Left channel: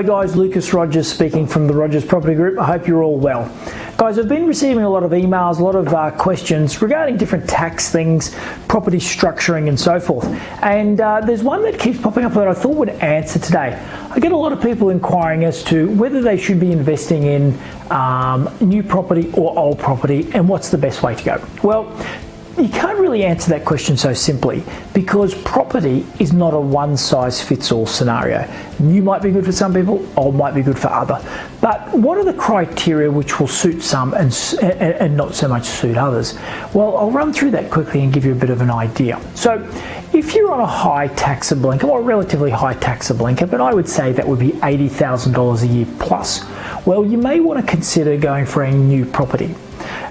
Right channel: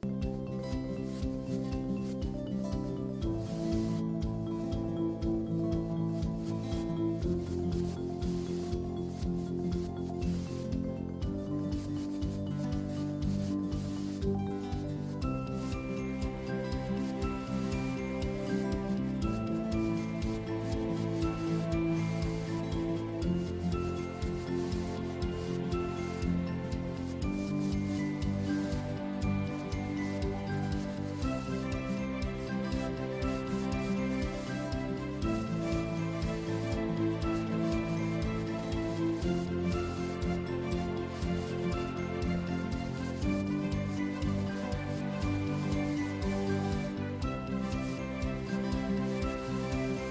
Hi guys, Lucas Rogers speaking from the Rogers Property Group. I hope you're all well. Guys, I've been receiving a lot of emails, a lot of questions regarding different tax things, property structuring and so forth. And there's one that keeps popping up that I thought would answer today. I get a lot of people inquiring as to whether they should be investing in new property or old property and what's the best way to go. Well, you can't really answer that question so simply because property is not a one-size-fits-all scenario. New might be good for some people, old might be good for other. But what are the criteria which will suit some and not so much suit others? Well, I'll run through that quickly and give you a bit of an idea. So if you're on a high taxable income, or relatively high taxable income, but I would say that would be $80,000 a year plus, well, you may want to consider going for a new property.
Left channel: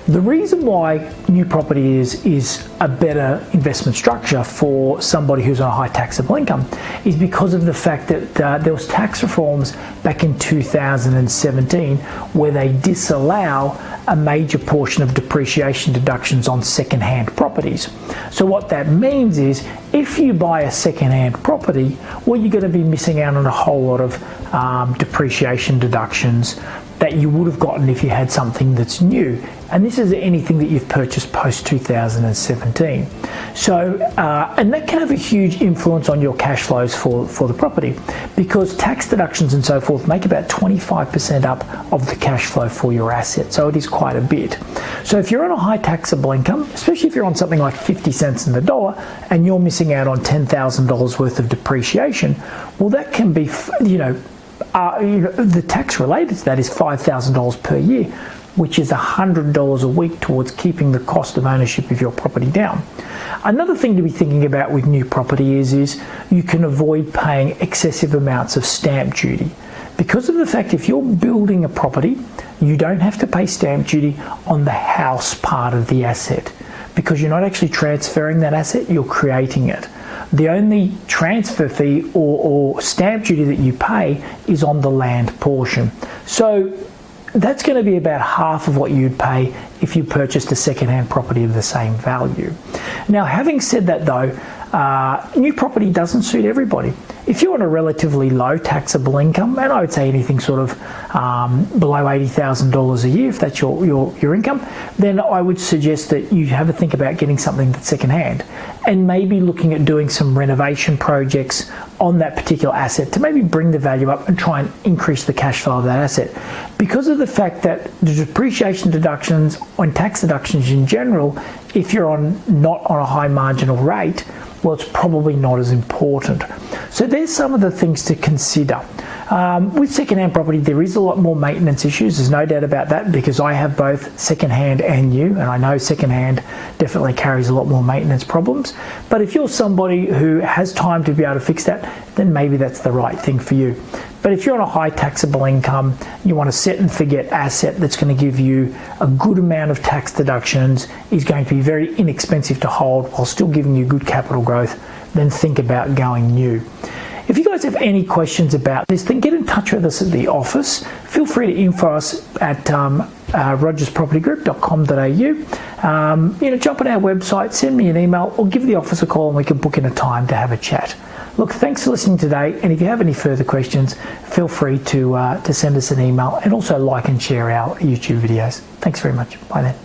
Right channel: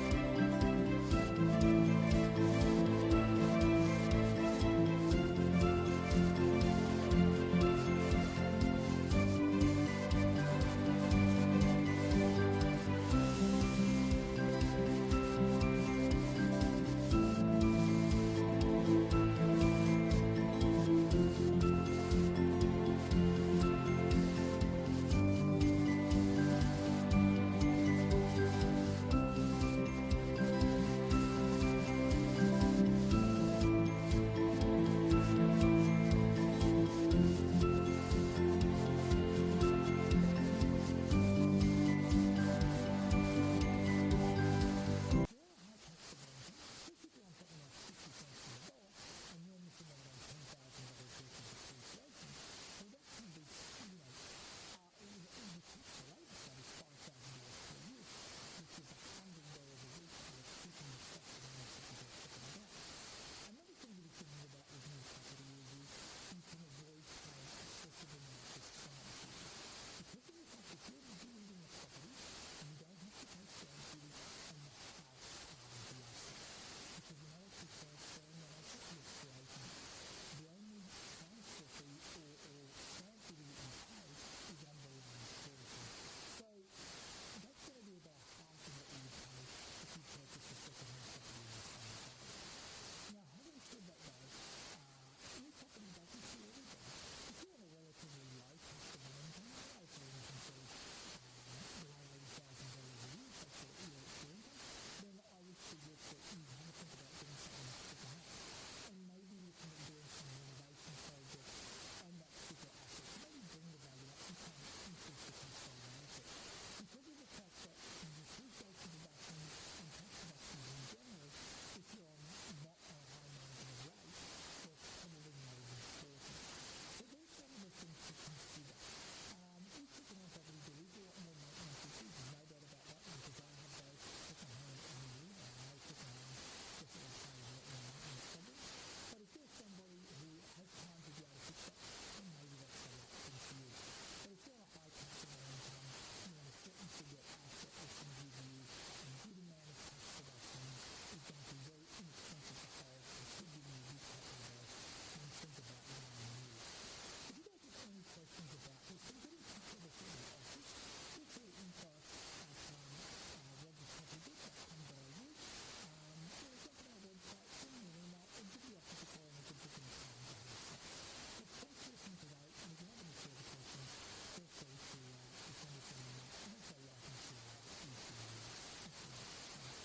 The reason why new property is a better investment structure for somebody who's on a high taxable income is because of the fact that there was tax reforms back in 2017 where they disallow a major portion of depreciation deductions on second-hand properties. So what that means is if you buy a second-hand property, well, you're going to be missing out on a whole lot of depreciation deductions that you would have gotten if you had something that's new. And this is anything that you've purchased post 2017. So, and that can have a huge influence on your cash flows for the property because tax deductions and so forth make about 25% up of the cash flow for your asset. So it is quite a bit. So if you're on a high taxable income, especially if you're on something like 50 cents in the dollar and you're missing out on $10,000 worth of depreciation, well, that can be, the tax related to that is $5,000 per year, which is $100 a week towards keeping the cost of ownership of your property down. Another thing to be thinking about with new property is you can avoid paying excessive amounts of stamp duty. Because of the fact if you're building a property, you don't have to pay stamp duty on the house part of the asset because you're not actually transferring that asset, you're creating it. The only transfer fee or stamp duty that you pay is on the land portion. So that's going to be about half of what you'd pay if you purchased a second-hand property of the same value. Now, having said that though, new property doesn't suit everybody. If you're on a relatively low taxable income, and I would say anything sort of below $80,000 a year, if that's your income, then I would suggest that you have a think about getting something that's second-hand and maybe looking at doing some renovation projects on that particular asset to maybe bring the value up and try and increase the cash flow of that asset. Because of the fact that the depreciation deductions and tax deductions in general, if you're not on a high marginal rate, well, it's probably not as important. So there's some of the things to consider. With second-hand property, there is a lot more maintenance issues. There's no doubt about that because I have both second-hand and new, and I know second-hand definitely carries a lot more maintenance problems. But if you're somebody who has time to be able to fix that, then maybe that's the right thing for you. But if you're on a high taxable income, you want a set and forget asset that's going to give you a good amount of tax deductions, is going to be very inexpensive to hold while still giving you good capital growth, then think about going new. If you guys have any questions about this, then get in touch with us at the office. Feel free to info us at rogerspropertygroup.com.au. Jump on our website, send me an email, or give the office a call and we can book in a time to have a chat. Look, thanks for listening today, and if you have any further questions, feel free to send us an email and also like and share our YouTube videos. Thanks very much. Bye then.